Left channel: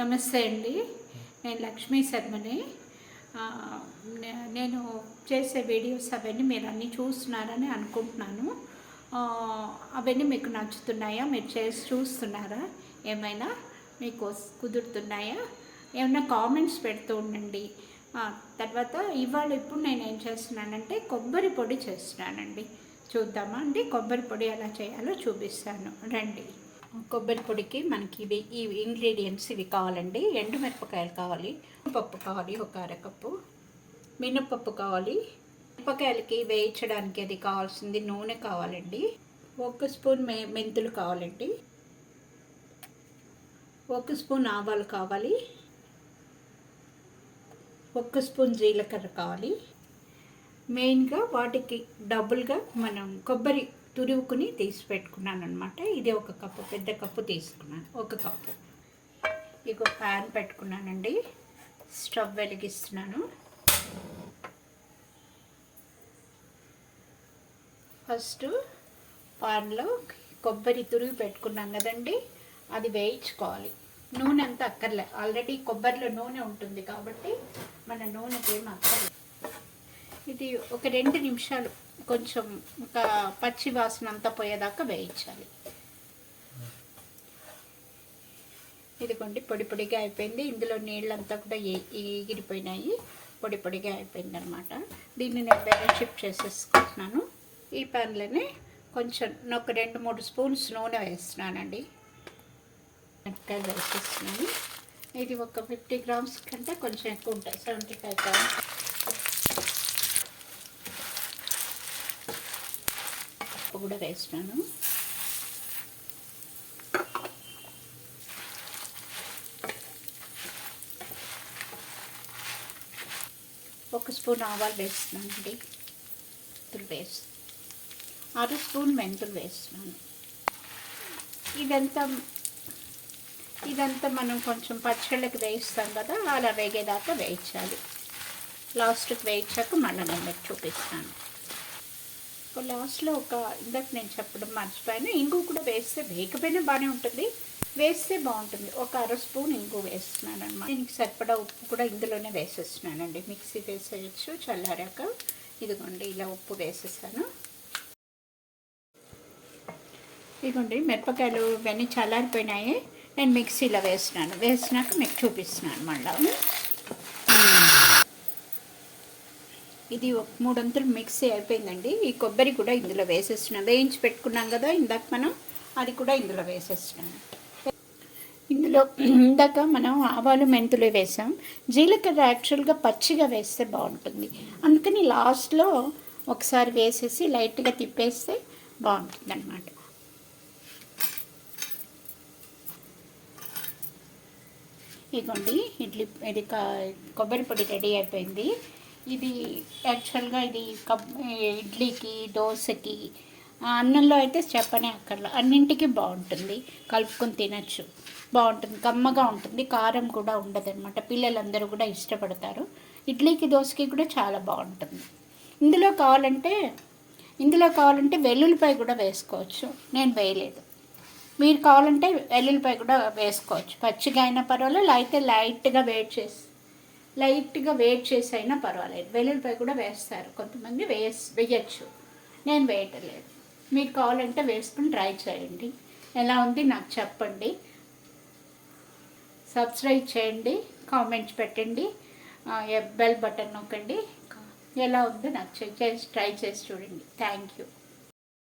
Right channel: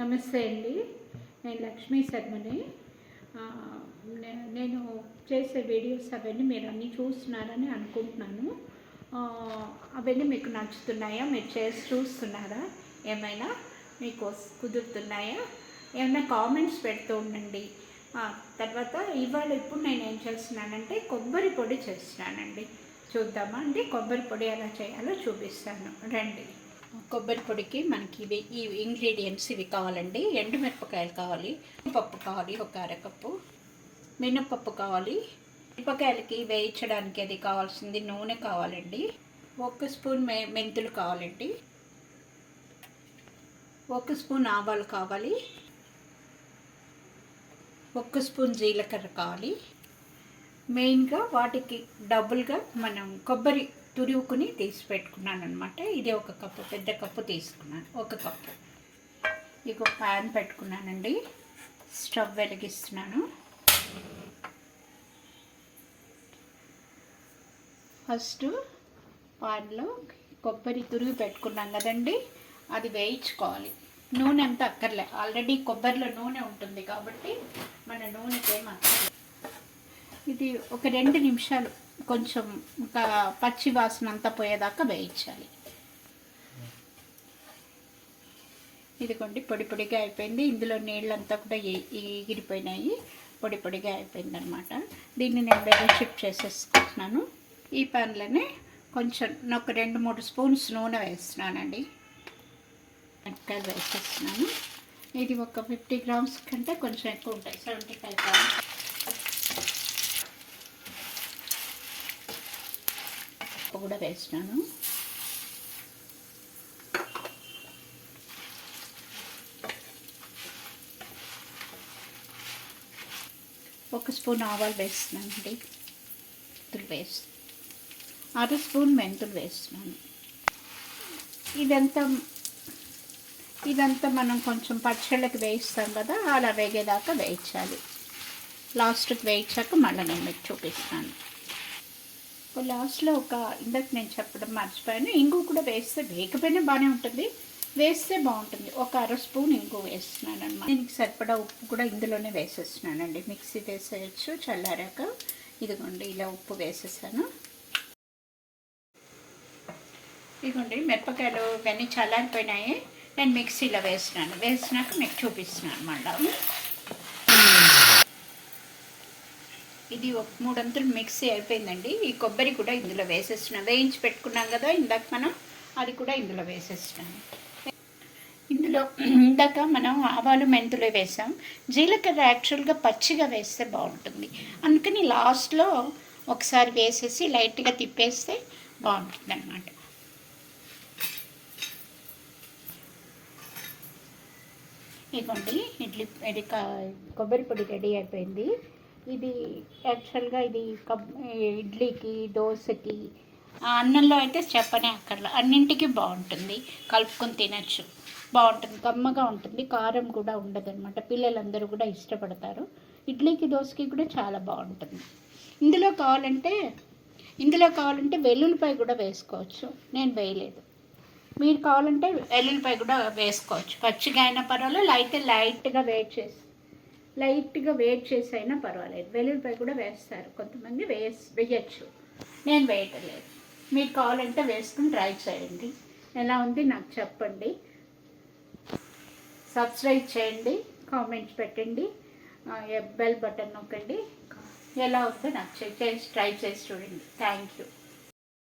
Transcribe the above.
నమస్తే అండి. నేను లక్ష్మీ శర్మని. నేను చేసే వీడియోస్ అవన్నీ మీరు అన్నీ చూస్తున్నారని అనుకుంటున్నాను. అవన్నీ మీకు నచ్చుతున్నాయా? మీరు చేసి చూస్తున్నారా? ఏమైనా మీకు కుదురుతున్నాయా? ఏమైనా కామెంట్స్ పెడుతూ ఉండండి. తర్వాత ఇప్పుడు నేను ఏం చేస్తున్నానంటే కొబ్బరి పొడి చేస్తున్నానండి. చూద్దామా అండి? కొబ్బరి పొడి ఎలా చేయాలో చూపిస్తాను రండి. కొబ్బరి పొడికి మనకి ఈ ఇంగ్రీడియంట్స్ ఇవి కావాలండి. ఎండుమిరపకాయలు కావాలి, పప్పు కావాలి, ఒక అరకప్పు మినపప్పు కావాలి, మిరపకాయలకి వేయించడానికి అది కావాల్సింది నూనె కావాలండి, 1 స్పూన్ మెంతులు కావాలండి, 1 స్పూన్ ఆవాలు కావాలి, 1 స్పూన్ జీలకర్ర కావాలి. మెయిన్గా వాటికి డబుల్గా మనం కొబ్బరి తురుముకుని తీసి పెట్టుకున్నాను అనమాట. ఇది 1 కప్పు, పెద్ద కప్పు తీసుకున్నాను, 1 కప్పు. ఇక ప్యాన్ పెట్టుకున్నానండి, స్టవ్ వెలిగిస్తున్నాను. ఫస్ట్ పాన్లో కొబ్బరి తురుగు పెట్టుకున్నాం కదండి, అది వేయించుకోవాలి. నూనె అంతా అక్కర్లే, ఆల్రెడీ కొబ్బరిలో నూనె ఉంటుంది కాబట్టి మన నూనెకి ఏం అక్కర్లేదు. ఇది ఒక 2 నిమిషాలు కొంచెం ఒక పచ్చి వాసన అంతా పోయేదాకా వేయించాలి. ఇదిగోండి పొడి పొడిగా అయిపోయింది. ఇందులో నీళ్ళంతా కూడా ఎగిరిపోయినాయి, పొడి పొడిగా అయిపోయింది అనమాట. దీన్ని నేను వేరే షిఫ్ట్ చేసేసుకుంటున్నాను. ఈ పాన్లోనే కొంచెం ఒక 2-3 స్పూన్స్ నూనె వేస్తున్నానండి. మిరపకాయలు వేసేస్తున్నాను. ఇది ఒక 50 గ్రామ్స్ కంటే కొంచెం ఎక్కువ ఉంటాయి, 75 గ్రామ్స్. కూడా వేస్తున్నాను. ఒక స్పూన్ ఆవాలు వేస్తున్నానండి, వేసి 6 స్పూన్ మెంతులు వేస్తున్నాను. ఇదంతా మనం కొంచెం పచ్చళ్ళకి వేయిస్తాం కదా, అలా వేగేదాకా వేయించాలి. లాస్ట్కి వేయించాక మళ్ళీ నేను మీకు చూపిస్తాను. లాస్ట్లో ఇందాక నేను చెప్పడం మర్చిపోయాను, ఇంగు కూడా వేస్తే వేగపోయినా బాగానే ఉంటుంది, వేస్తే బాగుంటుంది. 1/2 స్పూన్ ఇంగు వేస్తున్నాను అనమాట. దీనికి సరిపడా ఉప్పు కూడా ఇందులోనే వేసేస్తున్నానండి. మిక్సీ వేసేయచ్చు చల్లారాక. ఇదిగోండి ఇలా ఉప్పు వేసేసాను. ఇదిగోండి మిరపకాయలు ఇవన్నీ చల్లారిపోయినాయి, నేను మిక్సీలో వేసినాక మీకు చూపిస్తున్నాను మళ్ళీ. ఇది 3 అంతులు మిక్సీ అయిపోయిందండి. ఈ కొబ్బరి కూడా ఇందులో వేసేస్తున్నాను. వేయించి పెట్టుకున్నాం కదా ఇందాక మనం, అది కూడా ఇందులో వేసేస్తున్నాను. ఇందులో ఇందాక మనం ఆవాలు మెంతులు వేసాం, జీలకర్ర యాక్చువల్గా పచ్చిగా వేస్తే బాగుంటుంది, అందుకని లాస్ట్లో ఒకసారి వేసేసి లైట్గా తిప్పేస్తే బాగుంటుంది అన్నమాట. ఇదిగోండి ఇది కొబ్బరి పొడి రెడీ అయిపోయింది. ఇది యాక్చువల్గా ఇది ఇడ్లీకి, దోశకి, అన్నంలో అయితే చెప్పనే అక్కర్లా, అన్నింటికి బాగుంటుంది, కలుపుకొని తినచ్చు, బాగుంటుంది, కమ్మగా ఉంటుంది, కారం కూడా ఉండదు అనమాట. పిల్లలందరూ కూడా ఇష్టపడతారు. ఇడ్లీకి, దోశకి కూడా చాలా బాగుంటుంది. ఇందులో కావాలంటే వెల్లుల్లిపాయ కూడా వేసుకోవచ్చు, నేను వేయలేదు. మీరు కావాలంటే వెల్లుల్లిపాయ కూడా వేసుకోవచ్చు, పచ్చిగా అయినా పర్వాలేదు, లైట్గా వేట్ చేసి అయినా పర్వాలేదు. వెల్లుల్లిపాయ కూడా వేస్తారు కొంతమంది, వేయచ్చు, నేను వేయటం లేదు. మీరు కావాలంటే వేసుకుని ట్రై చేయండి, ఎలా ఉంది నాకు చెప్పండి. సబ్స్క్రైబ్ చేయండి, కామెంట్స్ పెట్టండి, బెల్ బటన్ నొక్కండి. ఎలా ఉందో నాకు ట్రై చేసి చూడండి. Thank you.